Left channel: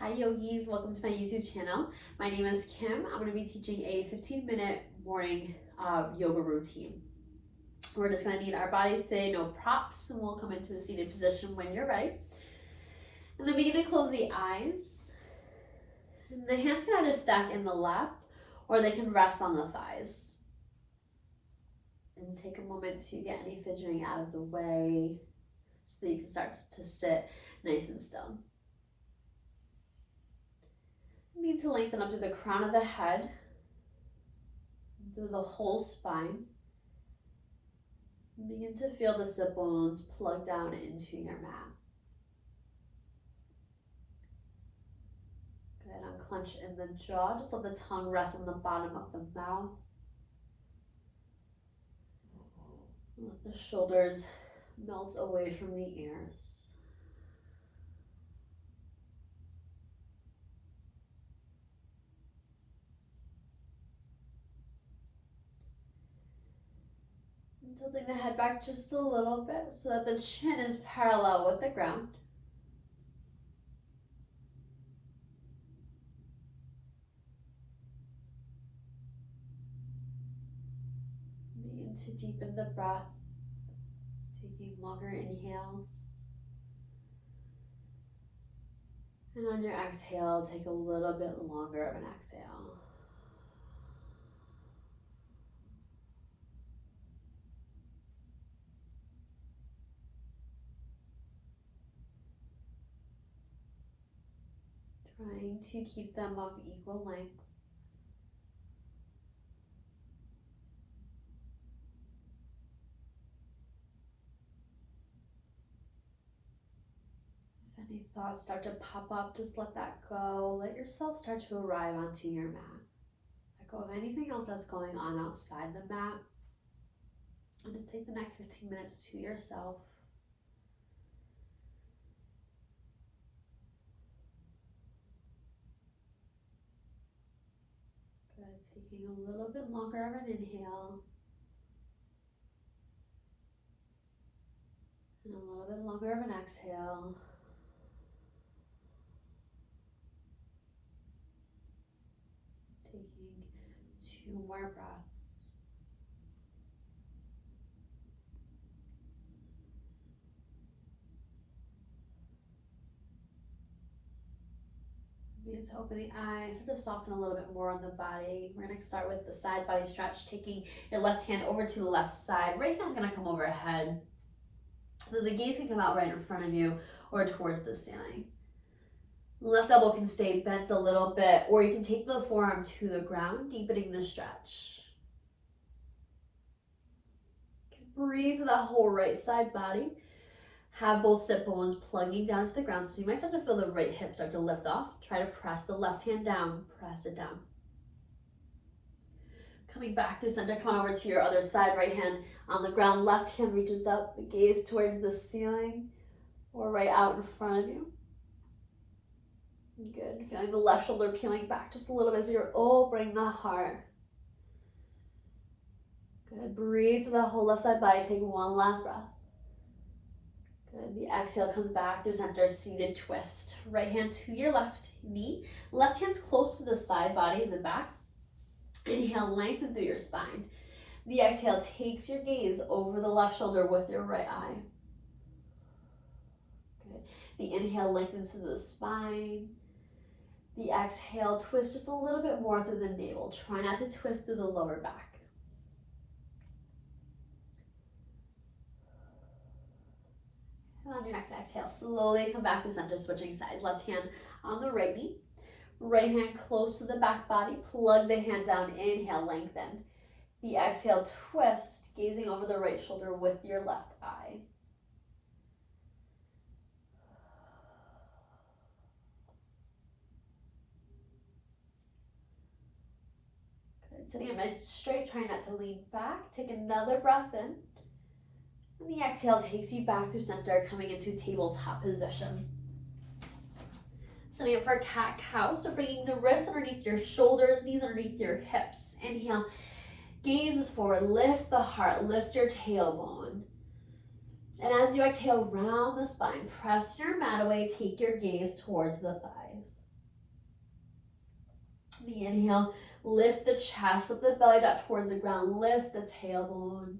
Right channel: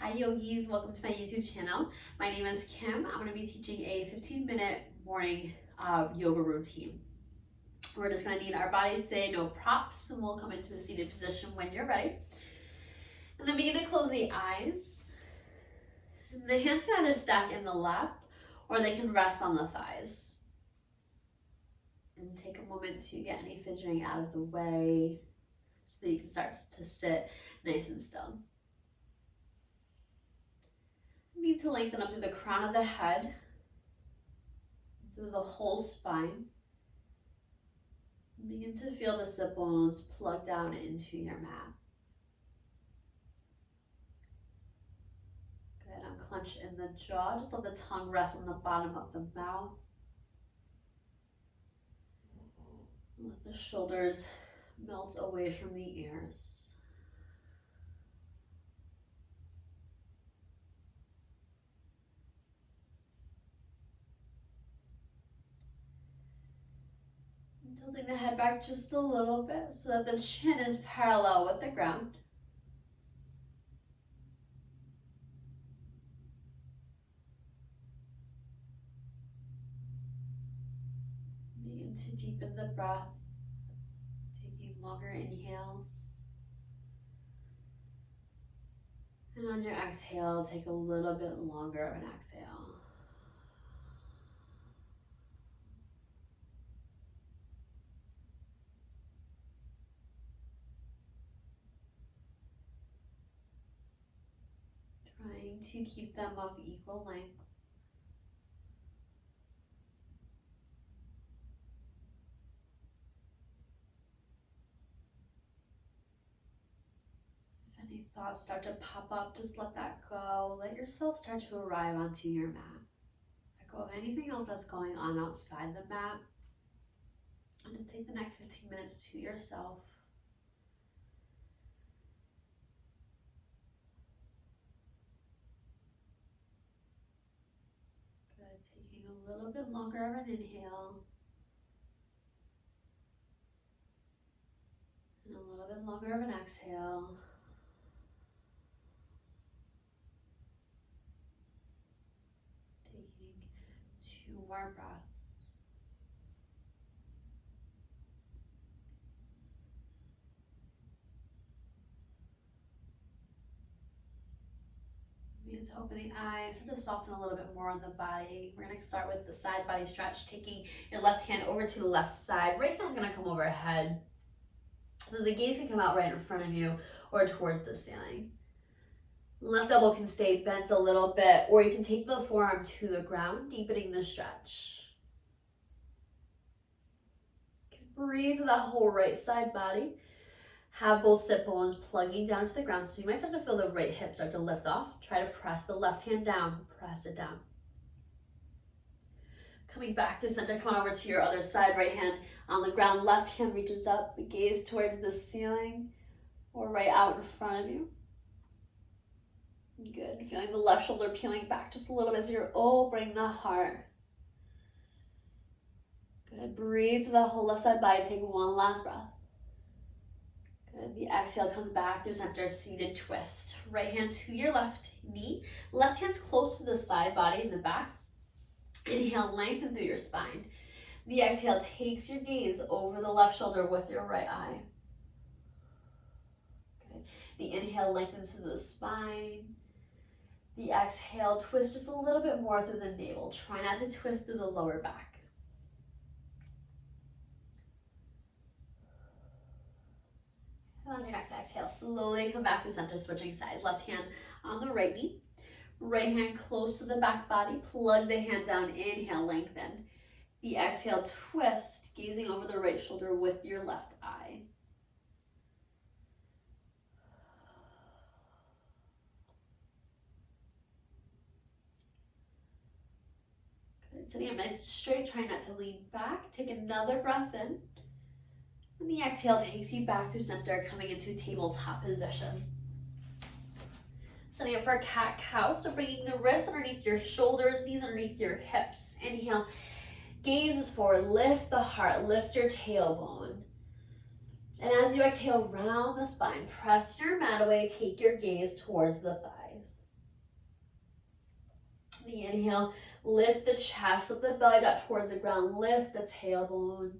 Hi yogis, welcome to my YouTube channel. My name is Kim. I'm going to be teaching a 15-minute morning yoga routine. We're just going to need our bodies today, no props, and we'll come into the seated position when you're ready. And then begin to close the eyes. And the hands can either stack in the lap or they can rest on the thighs. And take a moment to get any fidgeting out of the way so that you can start to sit nice and still. Begin to lengthen up through the crown of the head, through the whole spine. Begin to feel the sit bones plug down into your mat. Good, unclench in the jaw. Just let the tongue rest on the bottom of the mouth. Let the shoulders melt away from the ears. Tilting the head back just a little bit so that the chin is parallel with the ground. Begin to deepen the breath, taking longer inhales. And on your exhale, take a little bit longer of an exhale. Trying to keep them of equal length. If any thoughts start to pop up, just let that go. Let yourself start to arrive onto your mat. Let go of anything else that's going on outside the mat. And just take the next 15 minutes to yourself. Taking a little bit longer of an inhale and a little bit longer of an exhale. Taking 2 more breaths. Begin to open the eyes, start to soften a little bit more on the body. We're going to start with the side body stretch, taking your left hand over to the left side. Right hand's going to come overhead. So the gaze can come out right in front of you or towards the ceiling. Left elbow can stay bent a little bit, or you can take the forearm to the ground, deepening the stretch. Breathe through that whole right side body. Have both sit bones plugging down to the ground. So you might start to feel the right hip start to lift off. Try to press the left hand down, press it down. Coming back through center, come on over to your other side, right hand on the ground, left hand reaches up, the gaze towards the ceiling or right out in front of you. Good, feeling the left shoulder peeling back just a little bit as you're opening the heart. Good, breathe through the whole left side body, take one last breath. Good. The exhale comes back through center, seated twist. Right hand to your left knee. Left hand's close to the side body in the back. Inhale, lengthen through your spine. The exhale takes your gaze over the left shoulder with your right eye. Good. The inhale lengthens through the spine. The exhale, twist just a little bit more through the navel. Try not to twist through the lower back. On your next exhale, slowly come back to center, switching sides. Left hand on the right knee. Right hand close to the back body. Plug the hand down. Inhale, lengthen. The exhale, twist, gazing over the right shoulder with your left eye. Good. Sitting up nice straight. Try not to lean back. Take another breath in. And the exhale takes you back through center, coming into tabletop position. Setting up for cat-cow, so bringing the wrists underneath your shoulders, knees underneath your hips. Inhale, gaze is forward, lift the heart, lift your tailbone. And as you exhale, round the spine, press your mat away, take your gaze towards the thighs. The inhale, lift the chest, lift the belly up towards the ground, lift the tailbone.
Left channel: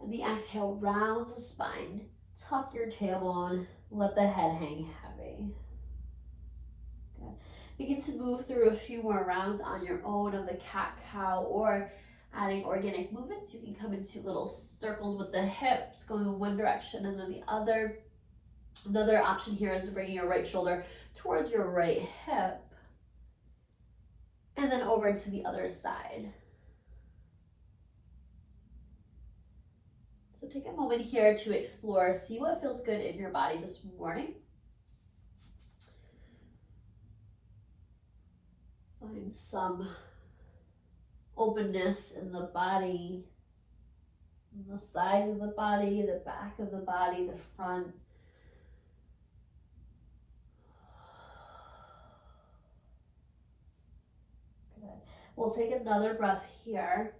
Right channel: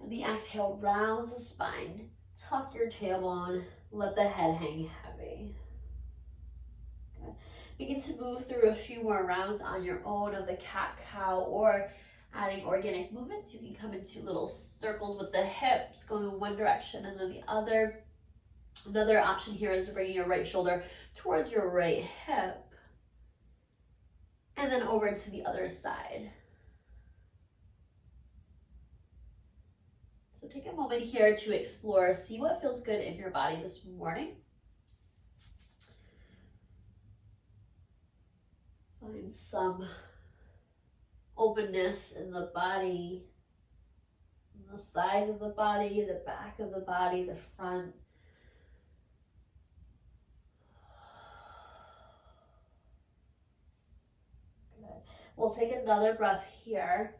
And the exhale, rounds the spine. Tuck your tailbone, let the head hang heavy. Good. Begin to move through a few more rounds on your own of the cat-cow, or adding organic movements. You can come into little circles with the hips, going in one direction and then the other. Another option here is to bring your right shoulder towards your right hip, and then over to the other side. So take a moment here to explore, see what feels good in your body this morning. Find some openness in the body, the sides of the body, the back of the body, the front. Good. We'll take another breath here.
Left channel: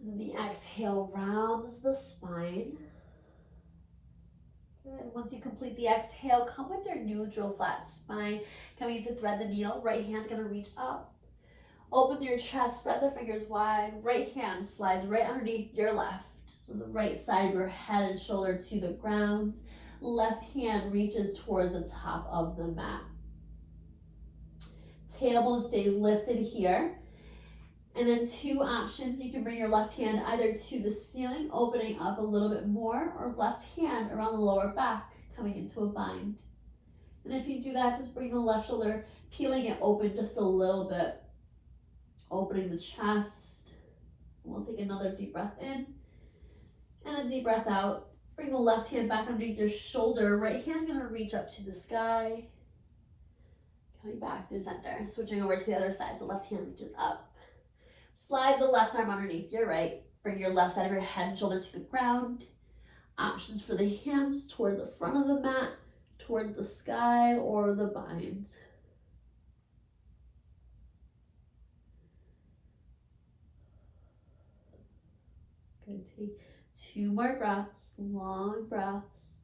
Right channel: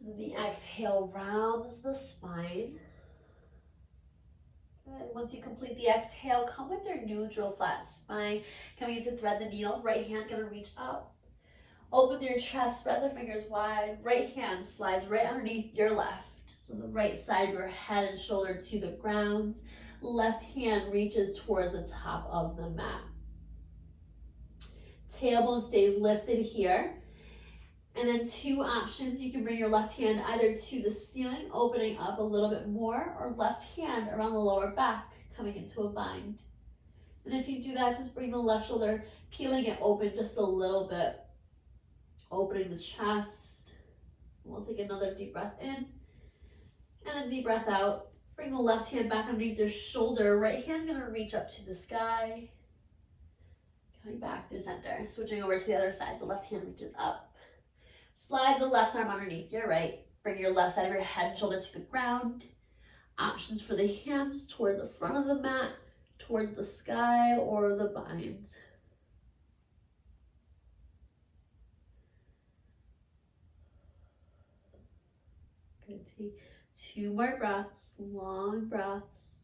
And the exhale rounds the spine. Good. Once you complete the exhale, come with your neutral flat spine. Coming to thread the needle, right hand's gonna reach up. Open your chest, spread the fingers wide. Right hand slides right underneath your left. So the right side of your head and shoulder to the ground. Left hand reaches towards the top of the mat. Tailbone stays lifted here. And then two options, you can bring your left hand either to the ceiling, opening up a little bit more, or left hand around the lower back, coming into a bind. And if you do that, just bring the left shoulder, peeling it open just a little bit, opening the chest. We'll take another deep breath in, and a deep breath out. Bring the left hand back underneath your shoulder, right hand's gonna reach up to the sky. Coming back through center, switching over to the other side, so left hand reaches up. Slide the left arm underneath your right. Bring your left side of your head and shoulder to the ground. Options for the hands toward the front of the mat, towards the sky, or the bind. Good. Take two more breaths, long breaths.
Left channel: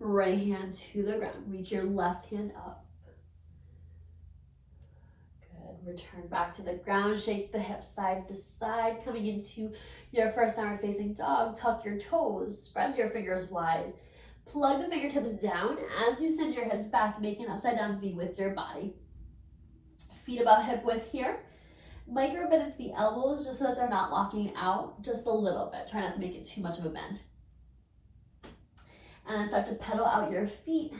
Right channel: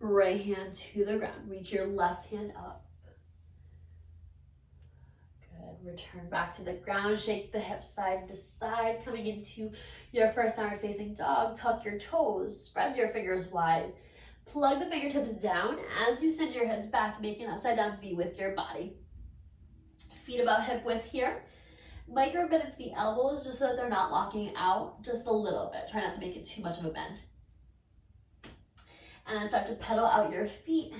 Right hand to the ground. Reach your left hand up. Good. Return back to the ground. Shake the hips side to side. Coming into your first downward facing dog. Tuck your toes. Spread your fingers wide. Plug the fingertips down as you send your hips back, making an upside down V with your body. Feet about hip width here. Micro bend into the elbows just so that they're not locking out, just a little bit. Try not to make it too much of a bend. And then start to pedal out your feet.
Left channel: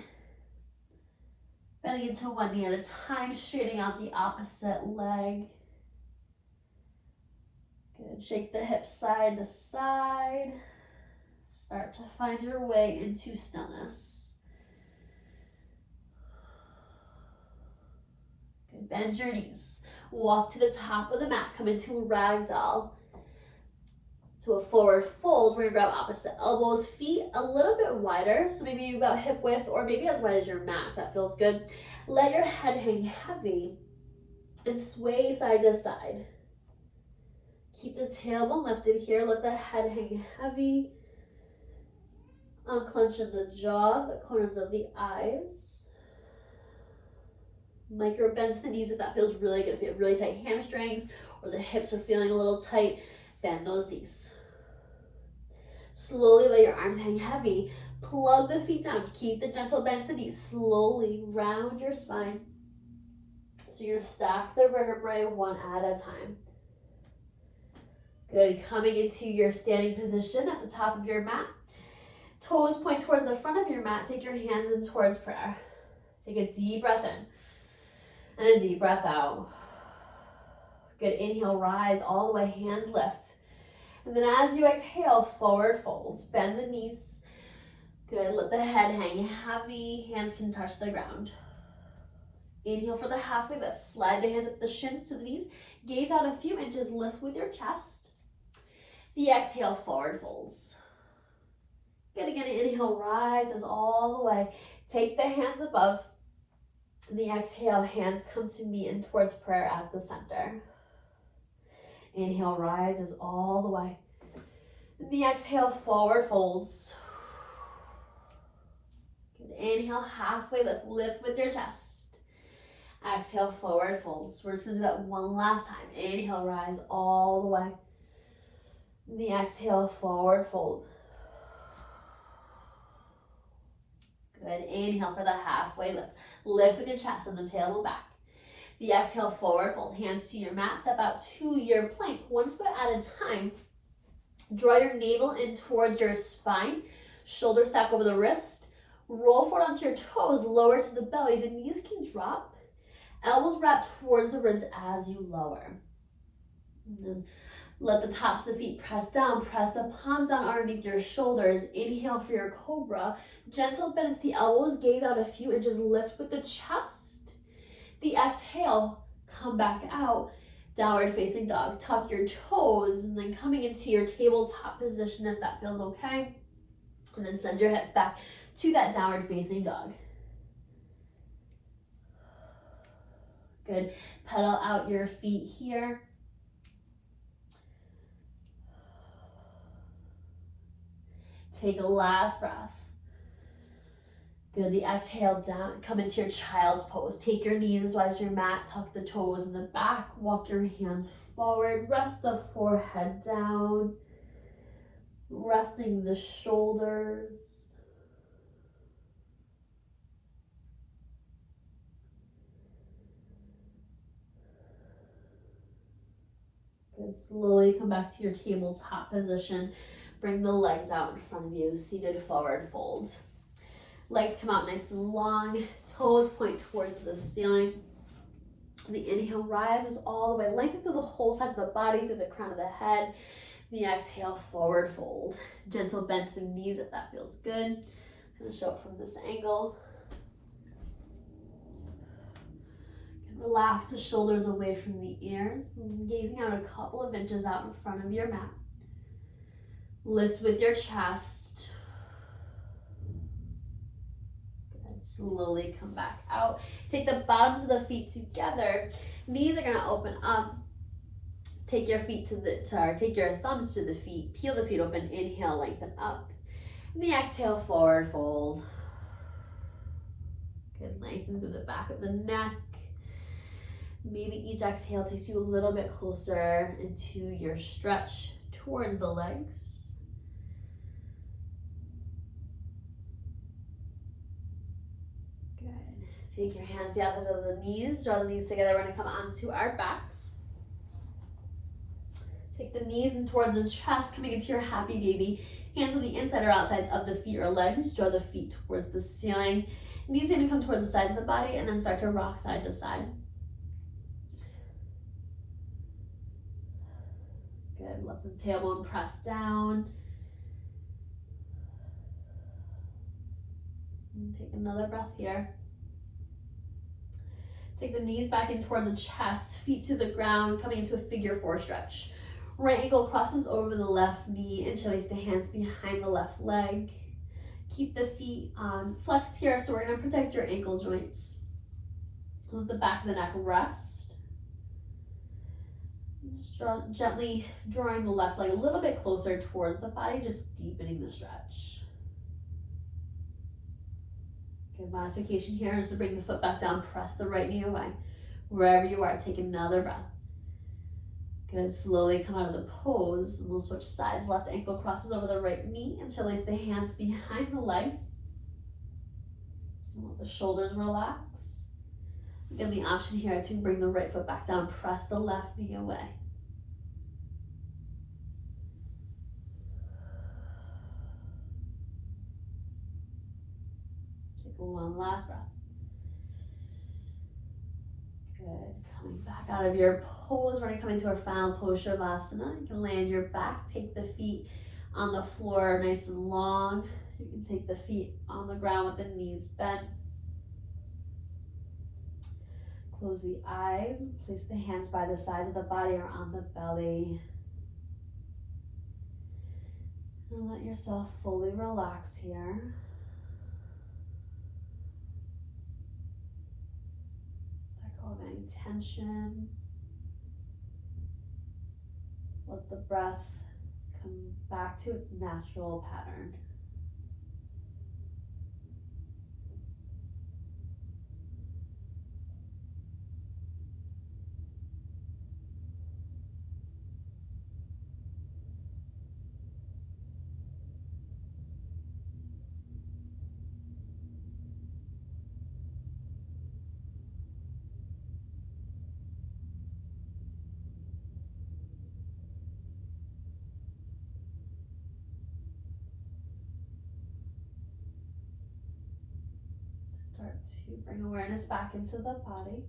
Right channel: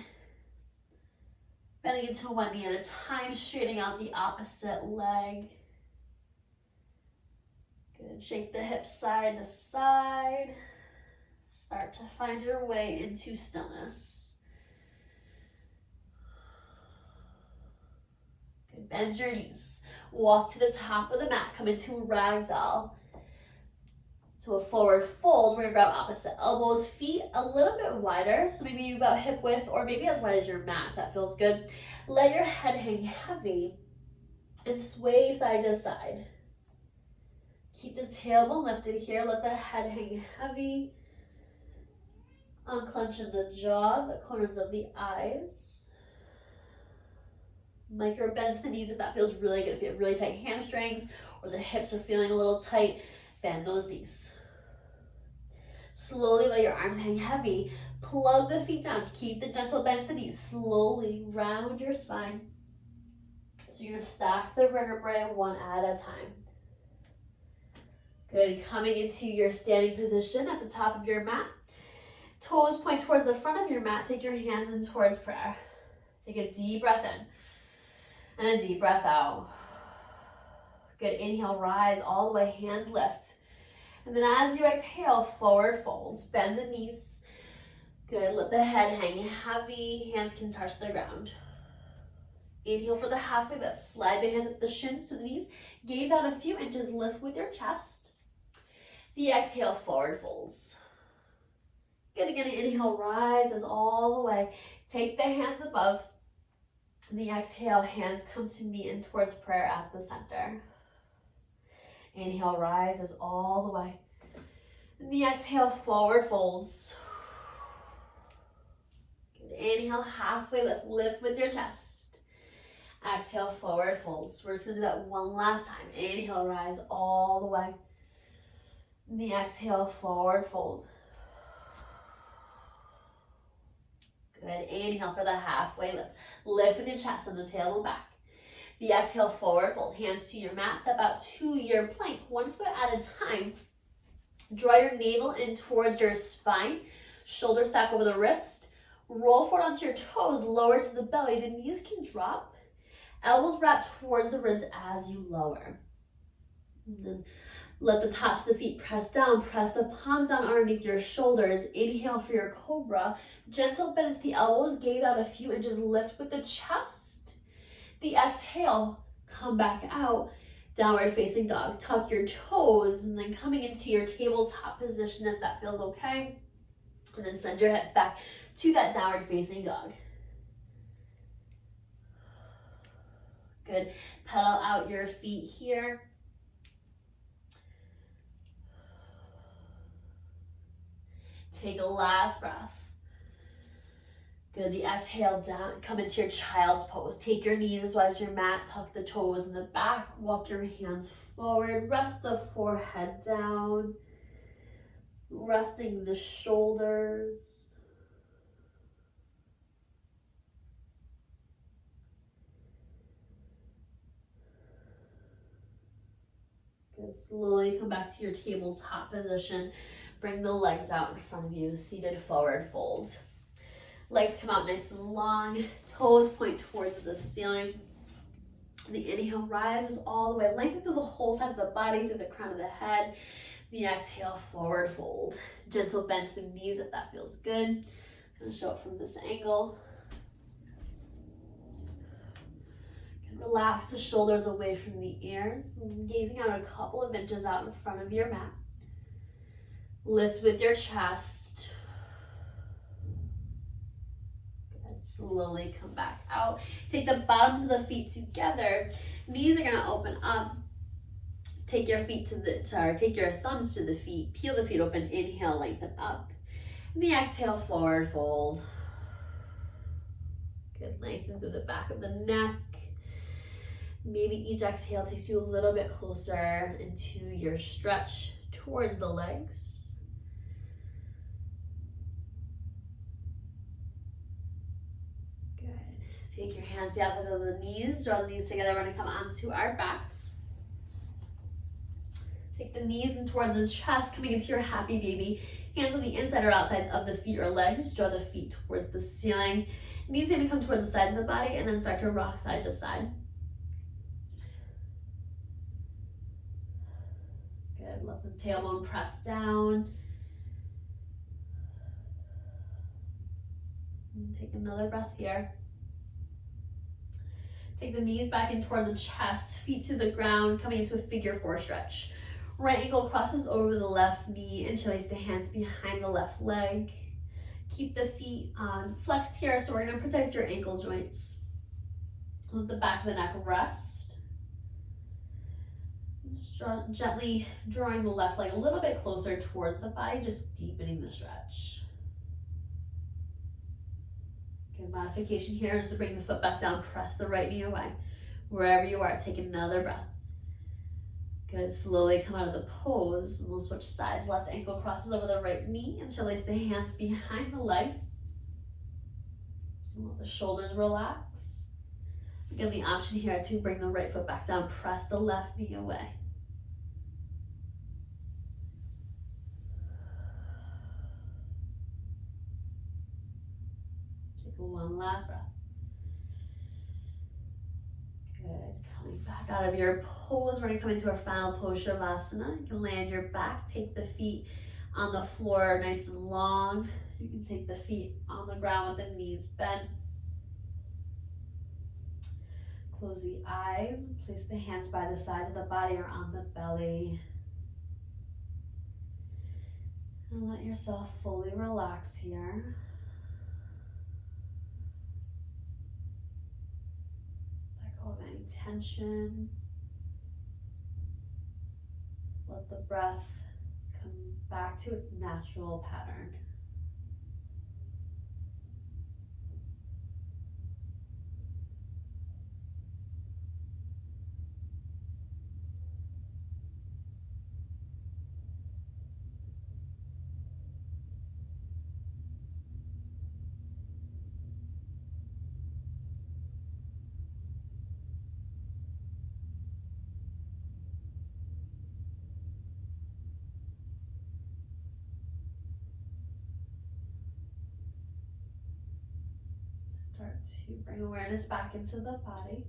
Bending into one knee at a time, straightening out the opposite leg. Good, shake the hips side to side. Start to find your way into stillness. Good, bend your knees. Walk to the top of the mat, come into ragdoll. To a forward fold, we're gonna grab opposite elbows, feet a little bit wider, so maybe about hip width or maybe as wide as your mat, if that feels good. Let your head hang heavy and sway side to side. Keep the tailbone lifted here, let the head hang heavy. Unclenching the jaw, the corners of the eyes. Micro bend to the knees if that feels really good. If you have really tight hamstrings or the hips are feeling a little tight, bend those knees. Slowly let your arms hang heavy. Plug the feet down. Keep the gentle bend to the knees. Slowly round your spine. So you're gonna stack the vertebrae one at a time. Good, coming into your standing position at the top of your mat. Toes point towards the front of your mat. Take your hands in towards prayer. Take a deep breath in and a deep breath out. Good, inhale, rise all the way, hands lift. And then as you exhale, forward folds, bend the knees. Good, let the head hang heavy, hands can touch the ground. Inhale for the halfway lift, slide the hands up the shins to the knees, gaze out a few inches, lift with your chest. The exhale, forward folds. Good, again, inhale, rises all the way. Take the hands above. The exhale, hands come to meet and towards prayer at the center. Inhale, rises all the way. The exhale, forward folds. Good. Inhale, halfway lift. Lift with your chest. Exhale, forward folds. We're just going to do that one last time. Inhale, rise all the way. The exhale, forward fold. Good. Inhale for the halfway lift. Lift with your chest and the tailbone back. The exhale, forward fold. Hands to your mat. Step out to your plank. 1 foot at a time. Draw your navel in towards your spine. Shoulder stack over the wrist. Roll forward onto your toes. Lower to the belly. The knees can drop. Elbows wrap towards the ribs as you lower. And then let the tops of the feet press down. Press the palms down underneath your shoulders. Inhale for your cobra. Gentle bend to the elbows. Gaze out a few inches. Lift with the chest. The exhale, come back out. Downward facing dog. Tuck your toes and then coming into your tabletop position if that feels okay. And then send your hips back to that downward facing dog. Good. Pedal out your feet here. Take a last breath. Good. The exhale down. Come into your child's pose. Take your knees as wide as your mat. Tuck the toes in the back. Walk your hands forward. Rest the forehead down. Resting the shoulders. Good. Slowly come back to your tabletop position. Bring the legs out in front of you. Seated forward fold. Legs come out nice and long. Toes point towards the ceiling. The inhale rises all the way. Lengthen through the whole sides of the body, through the crown of the head. The exhale, forward fold. Gentle bend to the knees if that feels good. I'm going to show it from this angle. Relax the shoulders away from the ears. Gazing out a couple of inches out in front of your mat. Lift with your chest. Good. Slowly come back out. Take the bottoms of the feet together. Knees are going to open up. Take your thumbs to the feet. Peel the feet open. Inhale, lengthen up. And the exhale, forward fold. Good. Lengthen through the back of the neck. Maybe each exhale takes you a little bit closer into your stretch towards the legs. Good. Take your hands to the outsides of the knees. Draw the knees together. We're going to come onto our backs. Take the knees in towards the chest, coming into your happy baby. Hands on the inside or outsides of the feet or legs. Draw the feet towards the ceiling. Knees are going to come towards the sides of the body and then start to rock side to side. Good. Let the tailbone press down. And take another breath here. Take the knees back in toward the chest, feet to the ground, coming into a figure four stretch. Right ankle crosses over the left knee and place the hands behind the left leg. Keep the feet flexed here, so we're going to protect your ankle joints. Let the back of the neck rest. Just gently drawing the left leg a little bit closer towards the body, just deepening the stretch. Good. Modification here is to bring the foot back down, press the right knee away. Wherever you are, take another breath. Good. Slowly come out of the pose. And we'll switch sides. Left ankle crosses over the right knee. Interlace the hands behind the leg. And let the shoulders relax. Again, the option here to bring the right foot back down. Press the left knee away. Take one last breath. Good. Coming back out of your pose, we're going to come into our final pose, Shavasana. You can lay on your back, take the feet on the floor nice and long. You can take the feet on the ground with the knees bent. Close the eyes, place the hands by the sides of the body or on the belly. And let yourself fully relax here. Let go of any tension. Let the breath come back to its natural pattern. Start to bring awareness back into the body.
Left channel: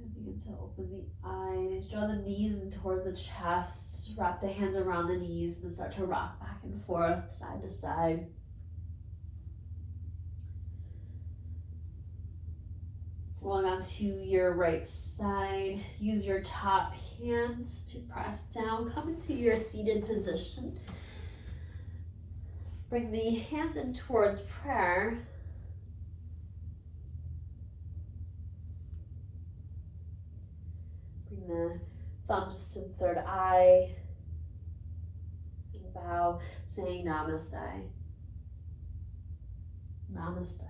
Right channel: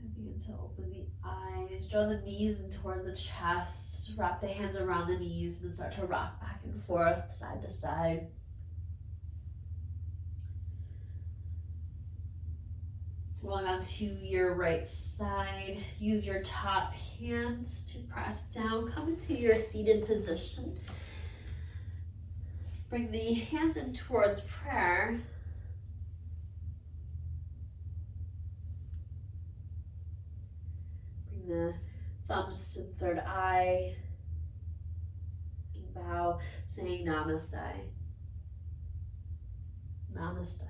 And begin to open the eyes. Draw the knees in towards the chest. Wrap the hands around the knees and start to rock back and forth, side to side. Rolling onto your right side. Use your top hands to press down. Come into your seated position. Bring the hands in towards prayer. Bring the thumbs to the third eye. And bow, saying namaste. Namaste.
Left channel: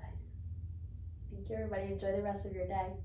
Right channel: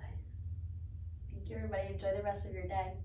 Thank you, everybody. Enjoy the rest of your day.